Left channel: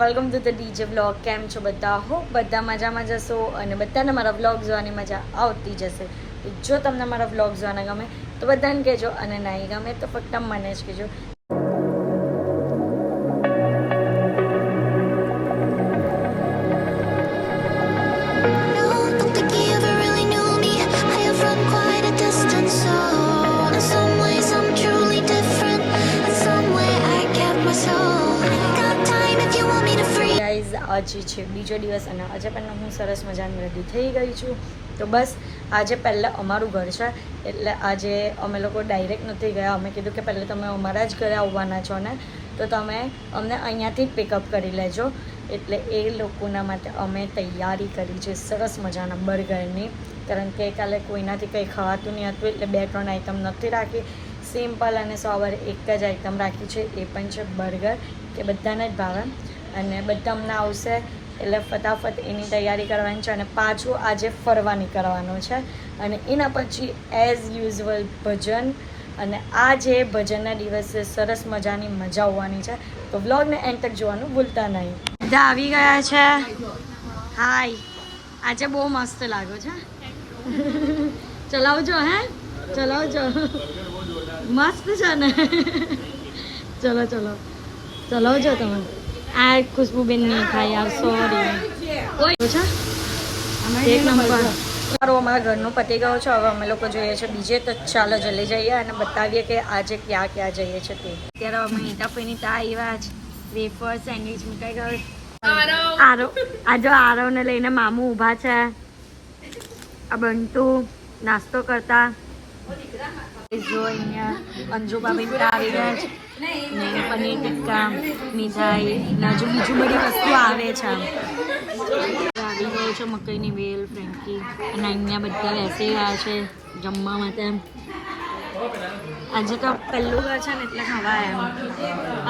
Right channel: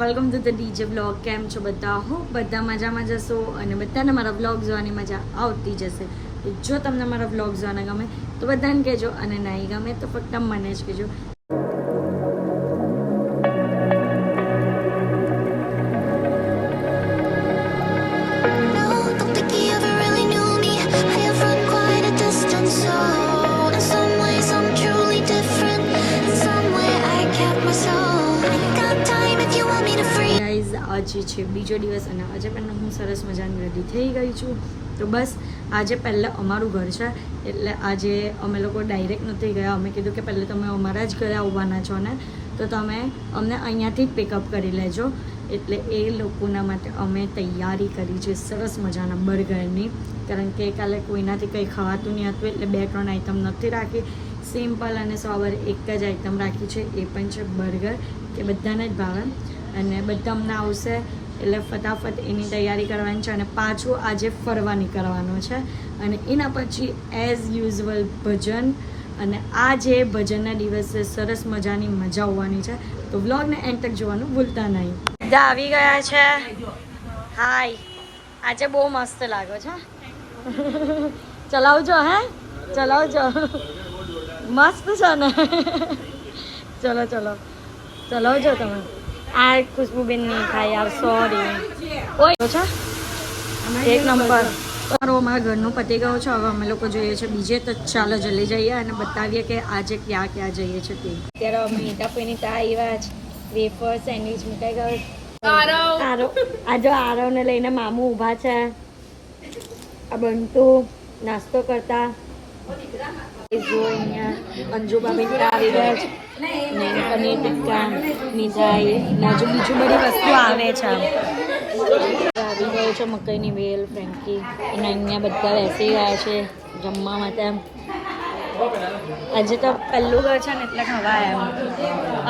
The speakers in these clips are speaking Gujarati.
Welcome to the DJ vlog. કેમ છો બધા? હું બધા મજામાં જશો અને બધાને મારા વ્લોગ જોવાની મજા આવતી જશે. જો તમને મારા વ્લોગ જોવાના ગમે તો બધાને કહેજો અને નહીં ગમે તો ફક્ત મને જ કહેજો. આજે છે બીજો દિવસ અને આજે પહેલાં હું સરસ મજાની રેડી થઈ ગઈ છું. તો બસ આજે પહેલાં અમારું ઘર છે એટલે આજે અમે લોકો ડાયરેક્ટ નથી ગયા. અમે કીધું કે પહેલાં તમે અમારા જ ઘરે આવવાના છો ને તો તમે અમને અહીંયાથી જ પિકઅપ કરી લેજો. એટલે એ લોકોના માટે અમે તૈયારી કરી છે સરસ મજાના બર્ગરની, કારણ કે કાલે કોઈનાથી કંઈ ખાવાતું નહીં હતું એટલે 2-3 આઈટમ નથી રાખી. સિમ્પલ અને સવારે એક જ આઈટમ રાખી છે, એ પણ છે બર્ગર, કે બધાને જ ભાવે અને બધા અમને આવશે એટલે ફટાફટ એની તૈયારી કરવાની છે. અને પાછું આજે ફરવા નીકળવાનું છે અને એના પછી એઝ યુઝ્યુઅલ ભજન, અને આ જે ભજનના દિવસે સરસ મજાની મજા આવવાની છે. તો વ્લોગને એન્ડ તક જોવાનું ભૂલતા નહીં. બધા આવી ગયા છે. હાય, આજે બહુ મસ્ત લાગો છે. ચલાવજો, હે ચલાવજો, મસ્ત છે ને. ચલો ચલો ચલાવજો તમે. આ ખુશ્બુબેન નહીં ખાઈ યાર, સોરી. કોઈ છે એક નંબર. અમારા ઘરનું પતી ગયો છે. હવે અમે લોકો જોઈએ છે બીજે, તો ચાલો જલ્દી જઈએ અને બતાવીએ કે આજે ક્યાં ક્યાં જઈએ છે તે. અત્યારે અમે ઈટાપીની તા આવ્યા જ. વેફર સેન્ડવિચ મુકાઈ ગયો. આજો આરવને લઈને મામું ઊભા છે. આ બંટુ નાસ્તો કરતા. જો અહીંયા અંજુબાબેન આવી ગયા છે ને પનીર ટિક્કા, મીઠાઈ ને હજુ બીજું બધી વસ્તુ આવે છે. આવી ગયો છે મકાઈની વેલ, ફ્રેન્કી, અને અહીંયા બધા બેસી ગયા છે જમવા માટે. આજે તો પહેલું ઘર છે ને એટલે ખવાય એમ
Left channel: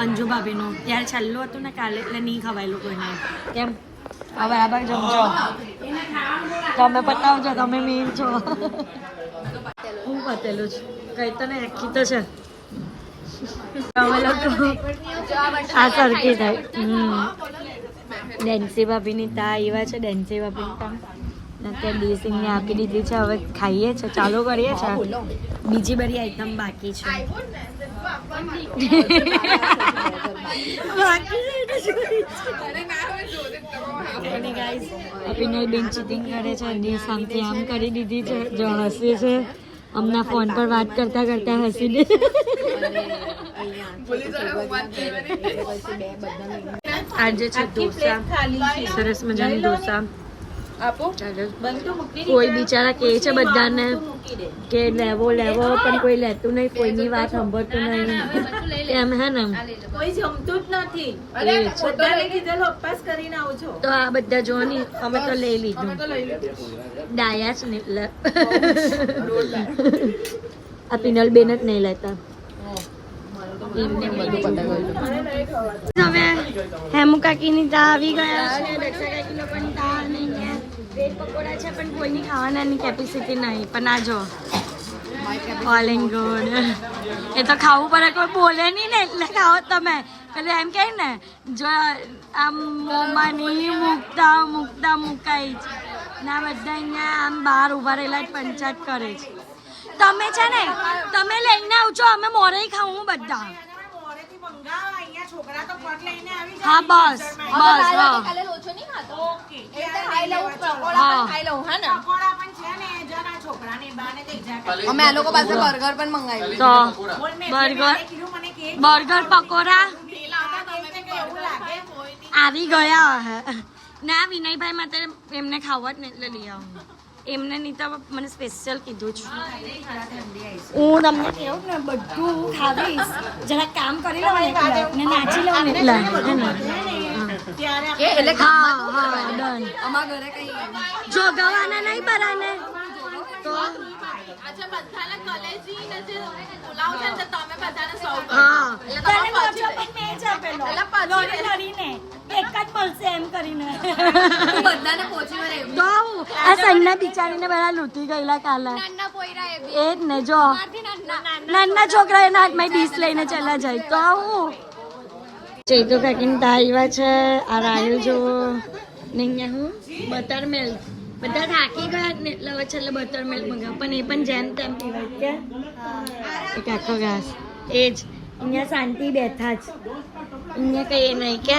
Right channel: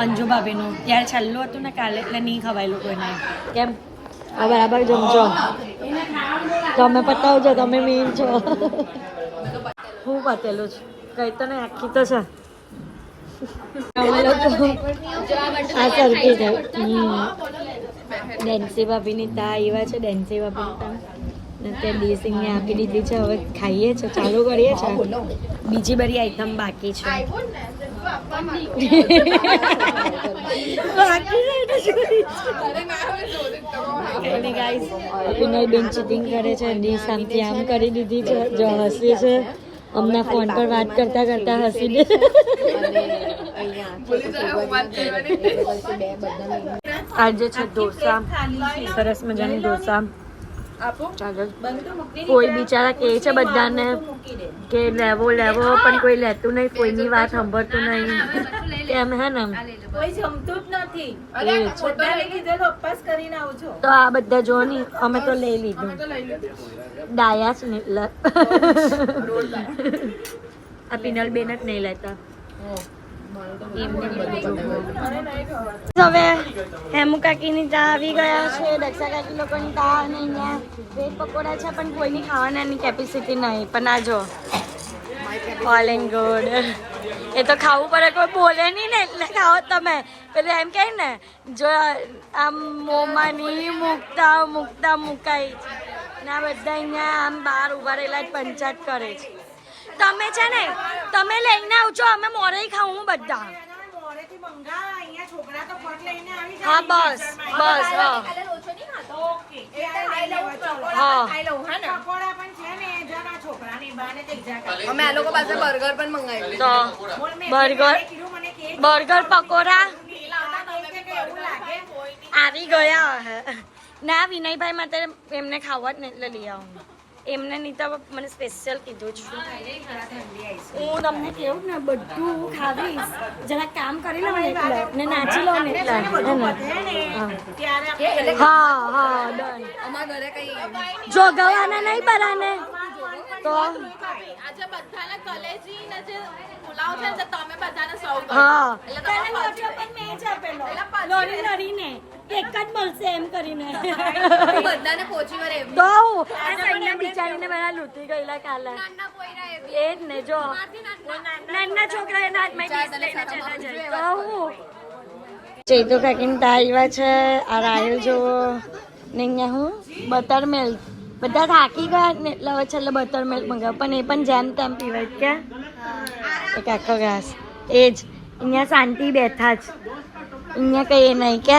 અંજુ ભાભીનું. ત્યારે છેલ્લું હતું ને કાલે એટલે નહીં ખવાયેલું કોઈને. કેમ આ બરાબર જમજો, તમે પતાવજો, તમે મેન છો. હું પતેલું છે કઈ તો ને આખી તો છે. અમે લોકો આ સરખી થાય. ડેન્સી ભાભીની તા આવ્યા છે. ડેન્સી ભાભીની પણ તે ડીસીને આપી દીધી છે. હવે ખાઈએ છે, ચાલુ કરીએ છે. બીજી બધી આઈટમ બાકી છે. બેન ચીટિંગ કરે છે. ડીશ આમથી આમ કરી દીધી છે, જો હસી છે. હમણાં ફોન પર વાત કરતા કરતા હસી દે. આજે છે ઢોસા, સરસ મજાની ઢોસા. કોઈ બિચારા કહે છે બધાને કે લેવો લેવો, પણ કોઈ લેતું નહીં, કોઈની વાત સાંભળતું નહીં. કેમ હે ને કોઈ જમતું જ નથી. તો આ બધા જો ને અમે તો લઈ લીધું. ડાયા જ ને એટલે આ પિનલ બેન જ નહીં લેતા. હવે હેમુ કાકીની તા આવી ગયા છે, દક્ષા કાકી લોકોની તા, અને અહીંયા વેજ પકોડા છે પણ કોઈની ખાવાના કેપેસિટી નહીં. પણ આ જો ઓલ એન્ડ ગુડ. એ તો ખાવું પડે, કોઈ બોલે નહીં ને એટલે ખાઓ તમે. એટલે એમ કહે ને જો આમ મોંમાં નહીં મૂકતા મૂકતા મુકાઈ જ ના. બધા અહીંયા આમ બહાર ઉભા રહેલા જ પંચાયત કરે છે. તમે છે ને તમે લઈને આવજો, અમે મોરે ખાવું બધા. હા બસ બસ. હા હા તો બર્ગર પકોડા આવી ગયા. ના વિનયભાઈ માટે એમને ખાવા જ ને એટલે લઈ આવું. એમને નહીં તો મને સ્પેશિયલ કીધું છે. હું તમને કહું ને બધું ખાવીશ, જરા કામ કરી લઉં ને એટલે ને નાચી લઉં ને એટલે હે ને. હા હા ડન. જો ગવાના નહીં પરાને તો હા ત્યારે લોચો પણ મેં જ આપેલો લોરી લડીને એક જ મળશે એમ કરીને બધાને પહોંચી વળે. તો આ સન્ના બિચારીને બધા લૂંટી ગયેલા કાલે. એ જ ને જો નાના છોકરા એના હાથમાં ડીશ લઈને ચલા જાય તો હું ચૈતો કાકીને તા આવ્યા છે. આ રાહિલ જોવો ને અહીંયા હું બટર મિલ્ક. બધા થાકી ગયા ને એટલે હવે છેલ્લે બટર મિલ્ક મંગાવ, પણ એ પણ જેમ તેમ પીવે કે એક આખો ઘાસ. એ જ અહીંયા શાંતિ બેઠા જ, અહીંયા કઈ નહીં કે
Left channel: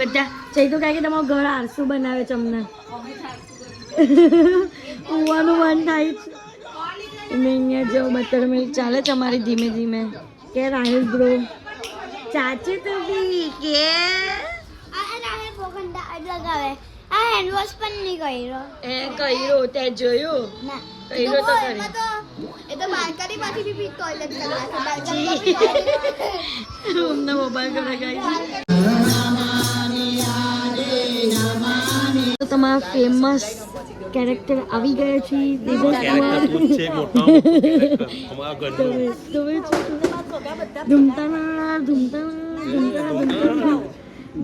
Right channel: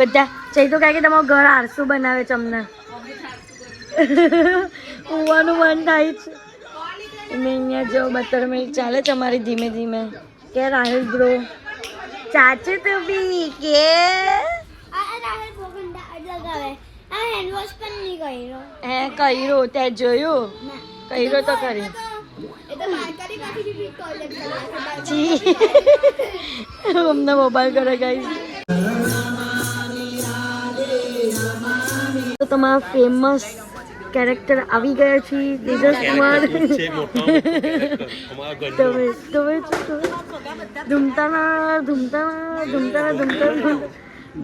બધા. ચૈતો કાકી તમારું ઘર આરસું બનાવે છે અમને. ઉવાનું મન થાય છે. અને અહીંયા જો બટર મિલ્ક ચાલે છે અમારી ધીમે ધીમે. કે રાહિલ બ્રો ચાચુ તું બી કે આ હેન્ડ વોશ પણ નહીં કર્યો. કર્યું તે જોયું? કર્યું તો ખરી. એ તો બાલ્કની માંથી ટોયલેટ કરવા અમને મોબાઈલ કરે ગાઈસ. તો તમારા ફેમસ કેરેક્ટર આવી ગયા છે તેજસ કુમાર. ધૂમતાના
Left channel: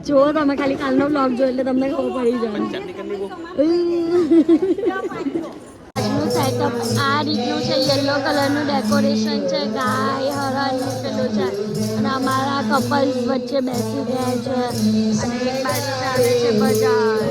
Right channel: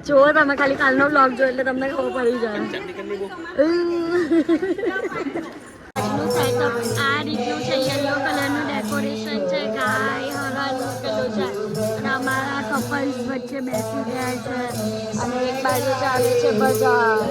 જો તમે ખાલી કાલનો બ્લોગ જો એટલે તમને ખબર પડી જાય. આજનું સેટઅપ આ રીતનું છે. યલો કલરનું ડેકોરેશન છે. ગાય હરણ મૂકેલું છે અને અમારા કપલ્સ વચ્ચે બેસી ગયા છે અને એક બાજુ ચાલે છે બજાર.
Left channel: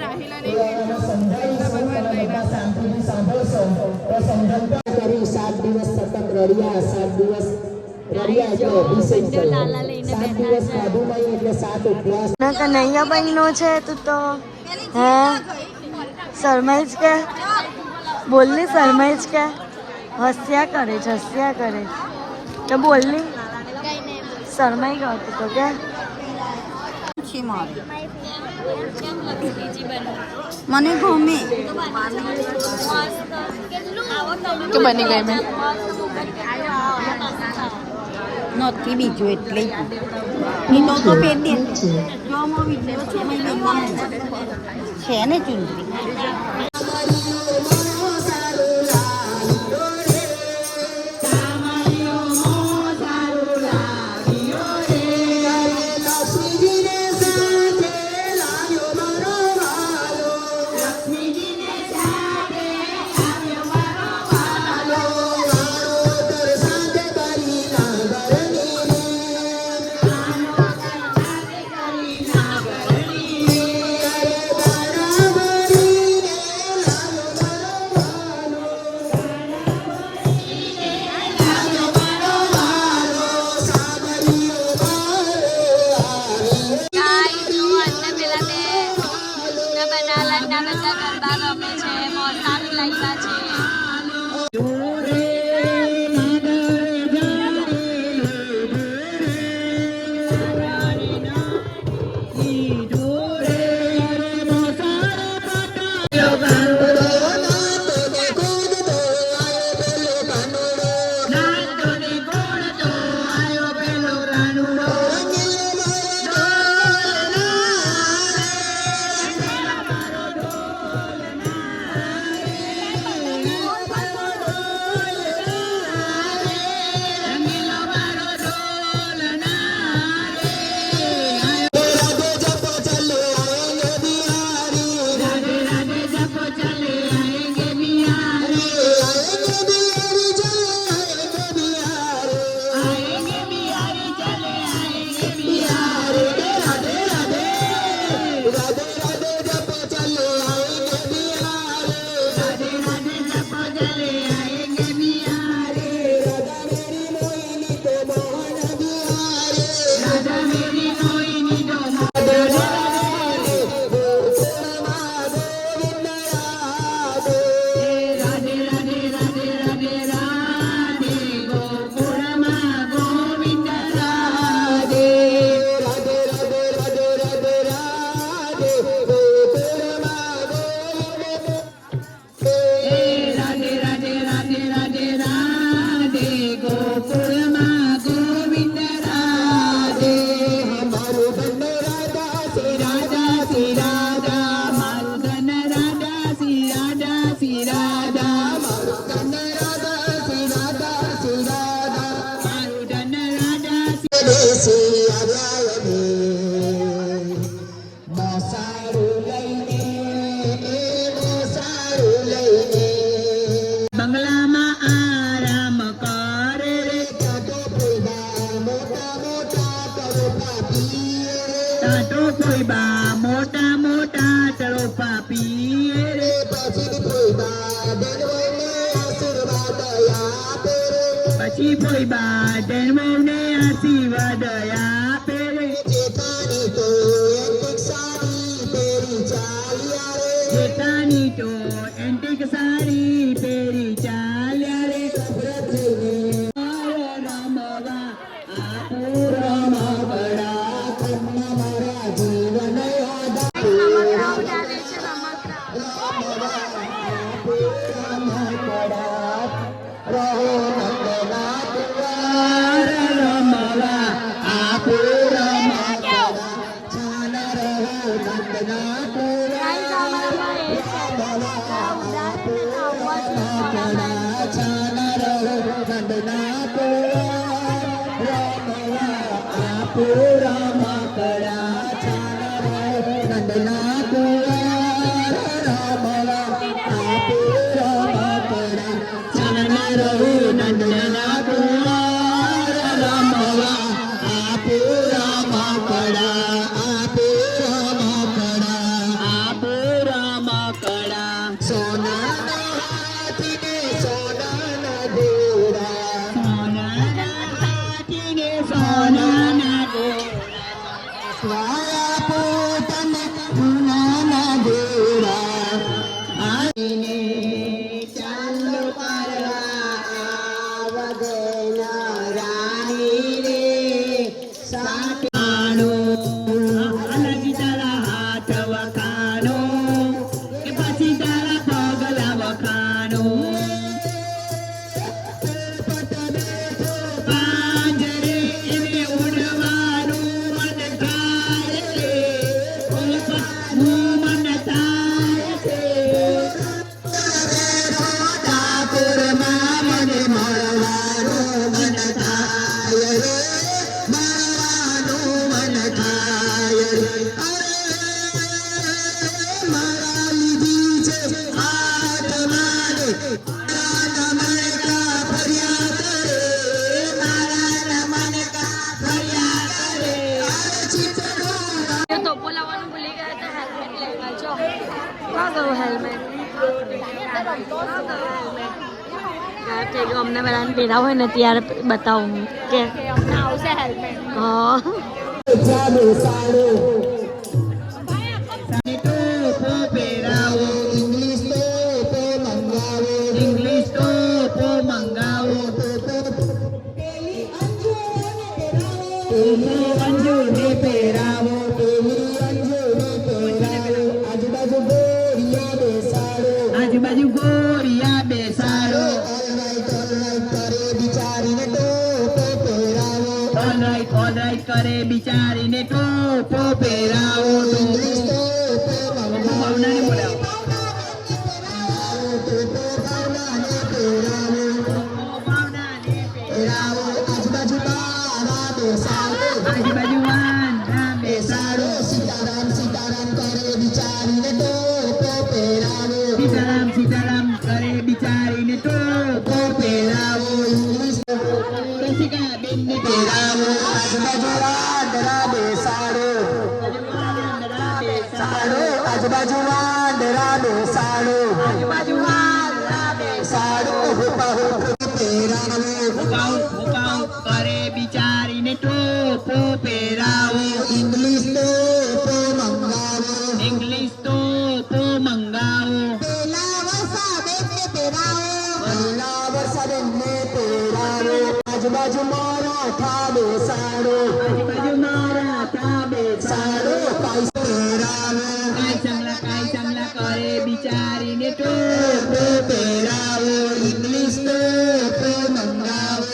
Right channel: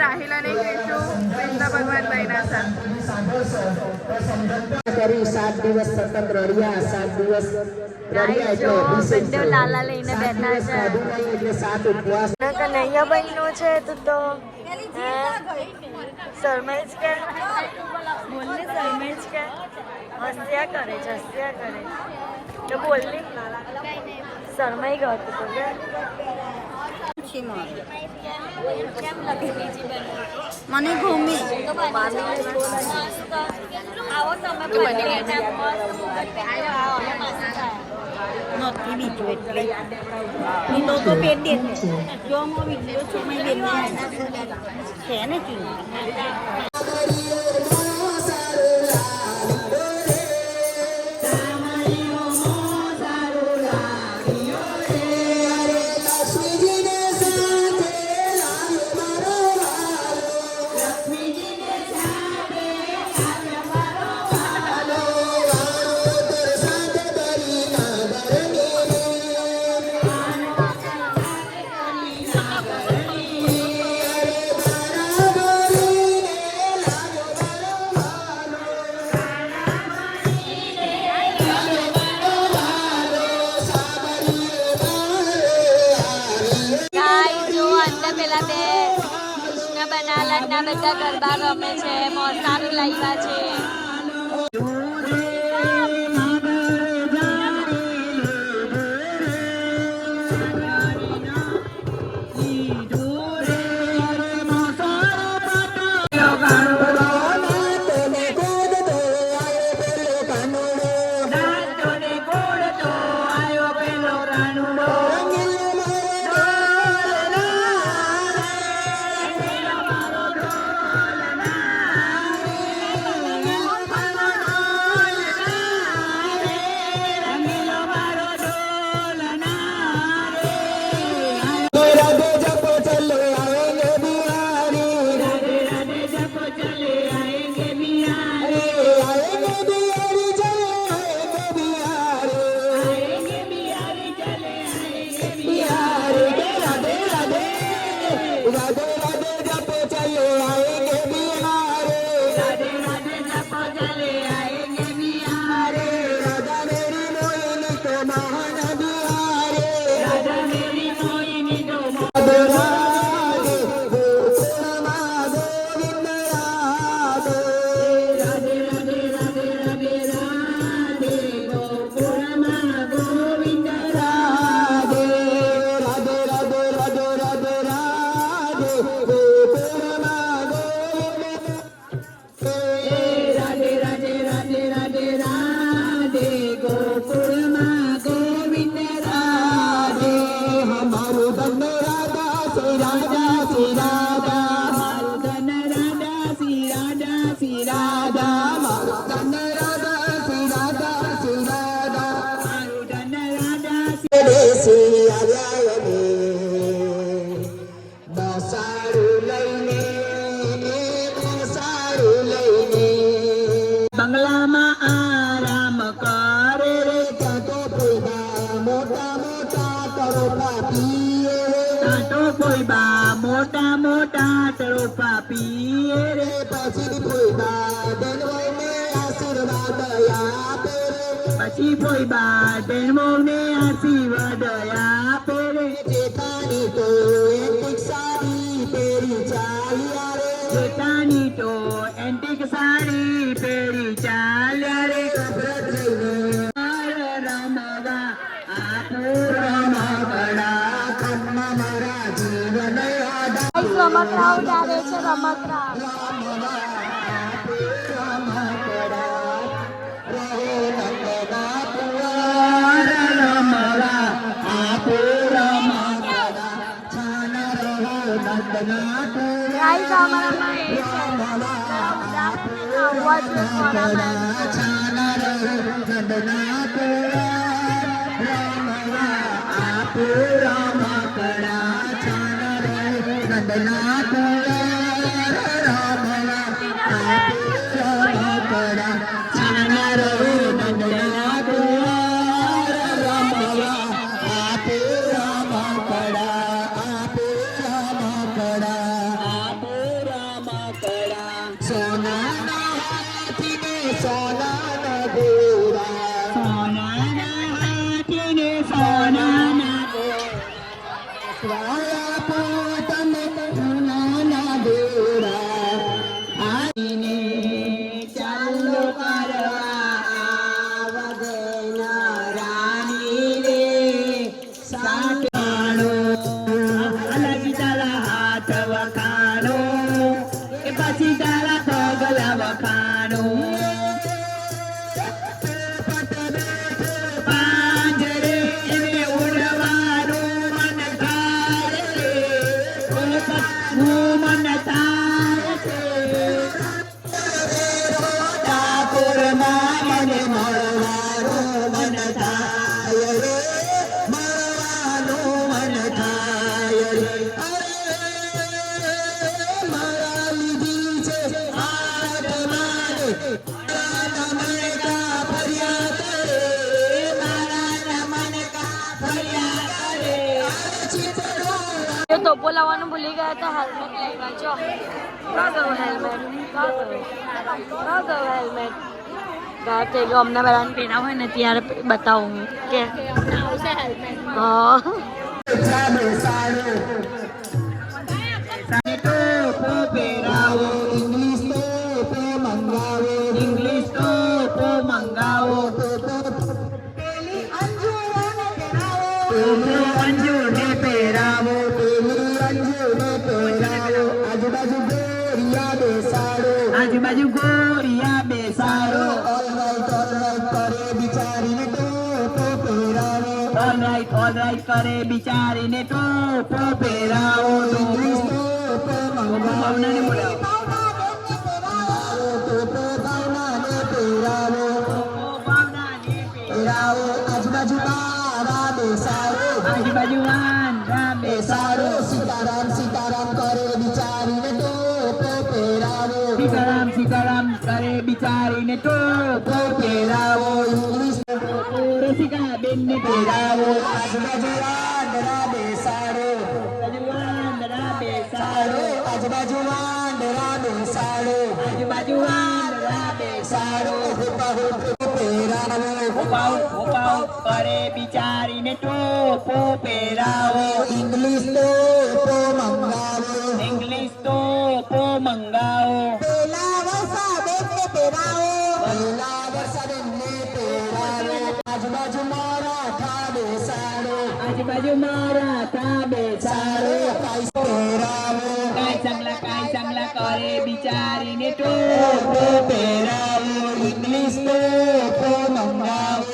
રાહિલ અને હિંચુ કૃષ્ણ ભગવાન બન્યા કરી 7 દિવસ સતત રડ્યા. 7 દિવસ લાલા લઈને બેઠા છે. એટલે 7 ઉપવાસ. કનૈયા બહેનો છે તું તો. હા શરમાઈ જ કે બોલની, શરમાઈ જ કે હસ્યા કરે છે, હસ્યા કરે તો બોલની. શરમાઈ ગયો તું તો કે મને ગમે કે બની ગઈ નથી બીજું એટલે નીલો તો પેટ દે જો મો વિડિયો છે મેં બેનમાં છે ને ચૂંટણી. બધા ગરબા રમે છે, મોસારું લાવ્યા છે. પછી કોઈ બા જન્મોને આશીર્વાદ આપે જેઠાની તો એન્ટિક સાડી પહેરી ચાલ્યા રે જેઠાની તો એન્ટિક સાડી પહેરી ચાલ્યા રે રમવા રમકડા ખમ્મા મારા જીવન રમકડા ઉડાડે છે રમકડા ગાઈસ અમારામાં એ છે ઉડાડે ને અવાજ ટોપો લાવવાનું ભૂલી ગયા હતા હેલ્મેટ લઈ ગયા જો ના ગયું હેલ્મેટ ના ગયું હેલ્મેટ તો જો અમને બધાને પહેરાવ હોય ને ત્યારે બતાવું હું કે અમને આવશે હેલ્મેટ હા આજુબાજુ ગોરિયા બેસાડો કરે બિચારીને ટોપો પહેરાવો ઓલરાઈટ કરે બિચારીને ટોપો પહેરાવો આજુબાજુ બારા બેસાડો સીતારામ સીતારામ કરે બિચારીને ટોપો પહેરાવો સીતારામ કરે બિચારીને ટોપો પહેરાવો રસિકા બેનને પહેરાવો આજુબાજુ બેસાડો આજુબાજુ વાંદરા બેસાડો હુપાઉ કરે બિચારીને ટોપો પહેરાવો ઇંગ્લિશ ટોપો મંગાવો આજુબાજુ મરાઠા બેસાડો કાઈ ચાંગલા કરે બિચારીને ટોપો પહેરાવો ઇંગ્લિશ ટોપો મંગાવો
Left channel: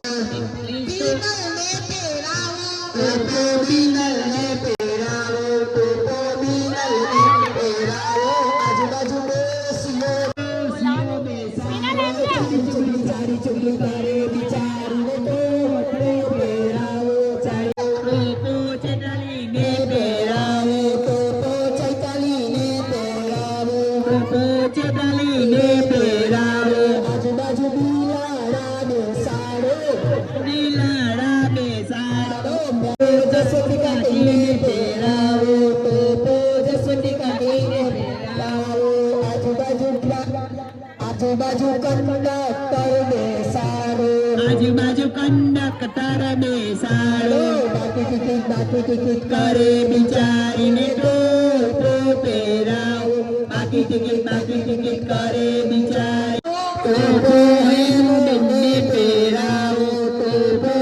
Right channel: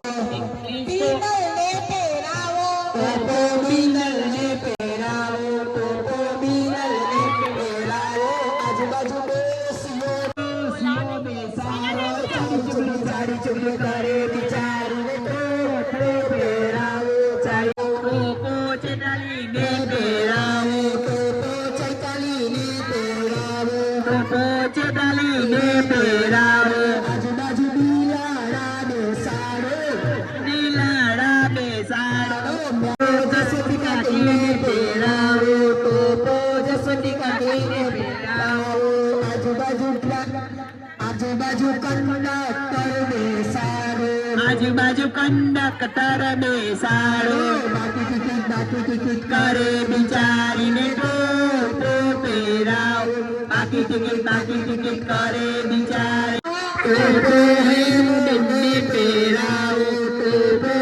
કંડક્ટર બેસાડો કરે બિચારીને ટોપો પહેરાવો બાકી ટિકિટ કરે બિચારી ટોપો એમને પહેરાવો ટોપો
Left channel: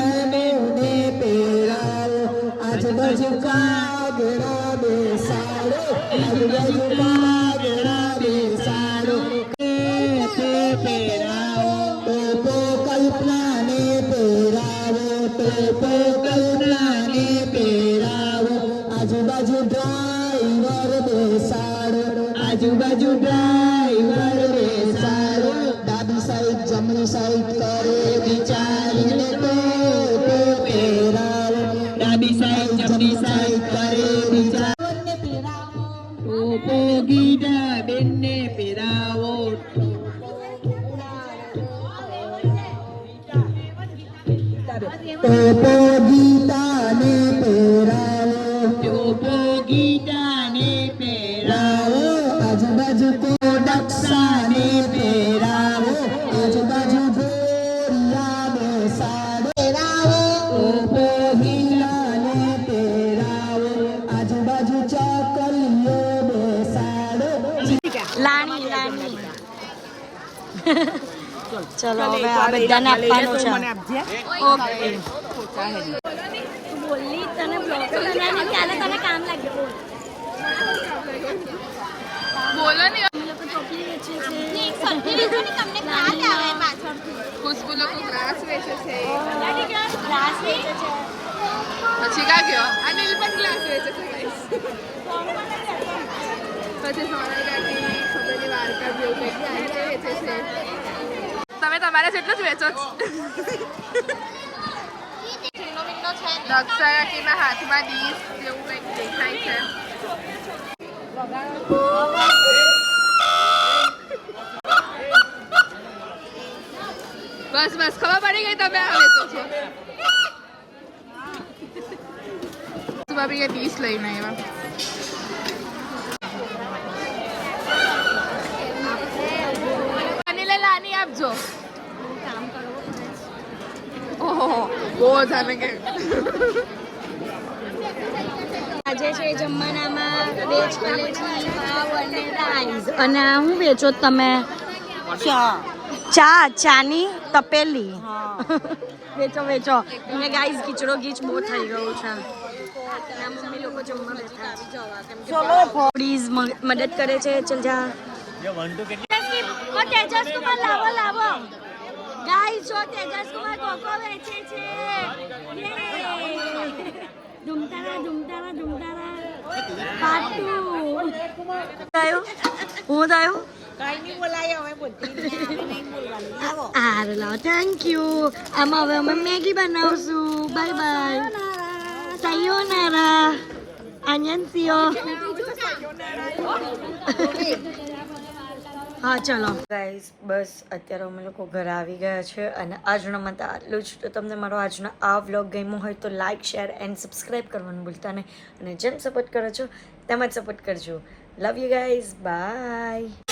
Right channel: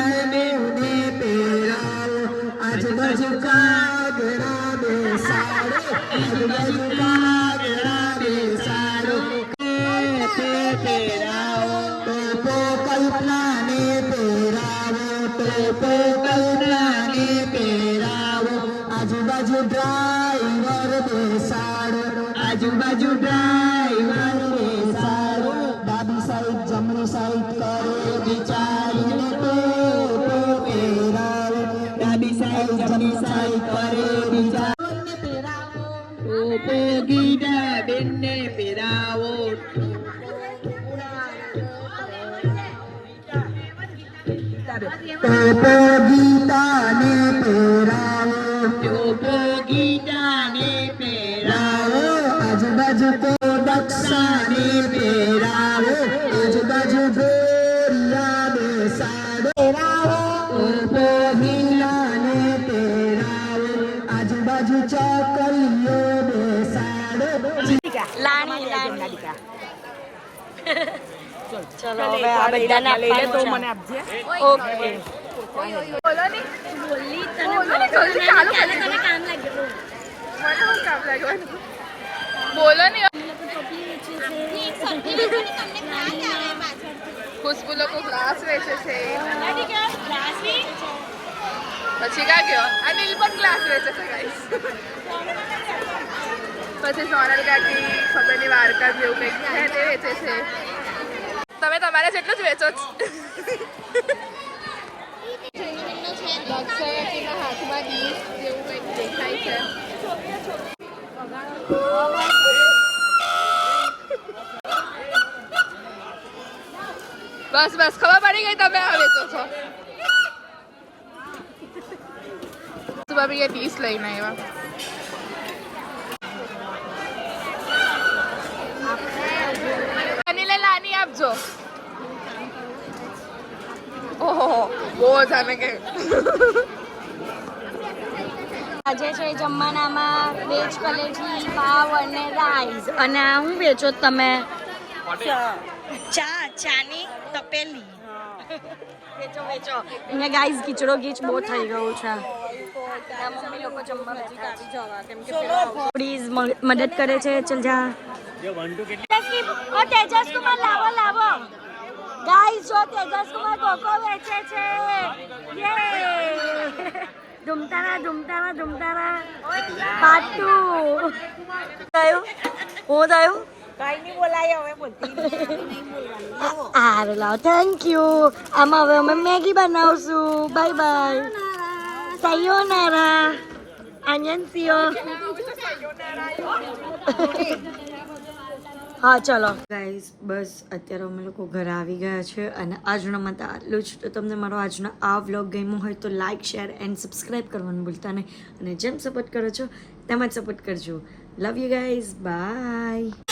એમને પહેરાવો આજુબાજુ કાગડા બેસાડો આજુબાજુ કાગડા બેસાડો ટોપો પહેરાવો ટોપો કલ્પનાને પહેરાવો ટોપો કલ્પનાને પહેરાવો આજુબાજુ ડ્રાઈવર બેસાડો આજુબાજુ ડ્રાઈવર બેસાડો ડાબી સાઈડ જમણી સાઈડ કરે બિચારીને ટોપો પહેરાવો ડાબી સાઈડ જમણી સાઈડ કરે બિચારીને પહેરાવો ટોપો ગીતા બેનને પહેરાવો ટોપો ગીતાને પહેરાવો ટોપો ગીતાને પહેરાવો આજુબાજુ તો દક્ષાને પહેરાવો આજુબાજુ ગોરિયા બેસાડો પહેરાવો ટોપો ગીતાને પહેરાવો આજુબાજુ ચોકલીઓ બેસાડો લાણી લાણી ચલો હવે આ બધાને આપવાનું છે ઓકે બોલી તને તને કામ લાગ્યું બોલો ને અમે લોકો ટોપલી વેચીએ છીએ ખુશ્બુ લોકો ગ્લાસ વેચે છે ગ્લાસ વેચે છે પછી કા ગયો અનિલ પણ ગ્લાસ વેચે છે guys. પછી સોનલ કાકી ખબર ની વાર્તા જેવું કંઈક છે તે વેચે છે તમે તમારે જેટલું જ વેચો છો દક્ષા કાકીના હાથમાં ડીશ જેવું કંઈક દેખાય છે બસ બસ ખબર પડી ગઈ તમે આ વેચો છો ભાભી એ ડીશ લઈને આવ્યા અનિલે લાની આપજો ઓહો બહુ જાને કે આજે છે જમવાનામાં વેજ કલેજી પાવ અને રાઈસ અને હું વેચો તમે ચાની તપેલી વેચો વેચો અને ગાઈસ ખીચડો ગીચ બહુ થઈ ગયો છે ના મમ્મી લોકો જમવા બેઠા છે પ્લીઝ મદદ કરે છે ચલ જા ઓ તેજસ કુમાર લાવો લાવો ગાઈસ જો તેજસ કુમાર કોકો વેચે છે યે ધૂમતારા ધૂમતારા ધૂમતારા પાટુ થયું હું થયું અરે લાવ થેન્ક યુ આમાં હવે અમે મેગી બનાવશું બાય બાય સાયોનારા આન્યનસીઓ હા ચલો ગાઈઝ બસ અત્યારે અમે લોકો ઘરે આવી ગયા છે અને આજનો માટે આટલું જ તો તમને મારો આજનો આ વ્લોગ ગમ્યો હોય તો લાઇક શેર એન્ડ સબસ્ક્રાઈબ કરવાનું ભૂલતા નહીં અને જેમ સપોર્ટ કરો છો તેમ જ સપોર્ટ કરજો લવ યુ ગાઈઝ બાય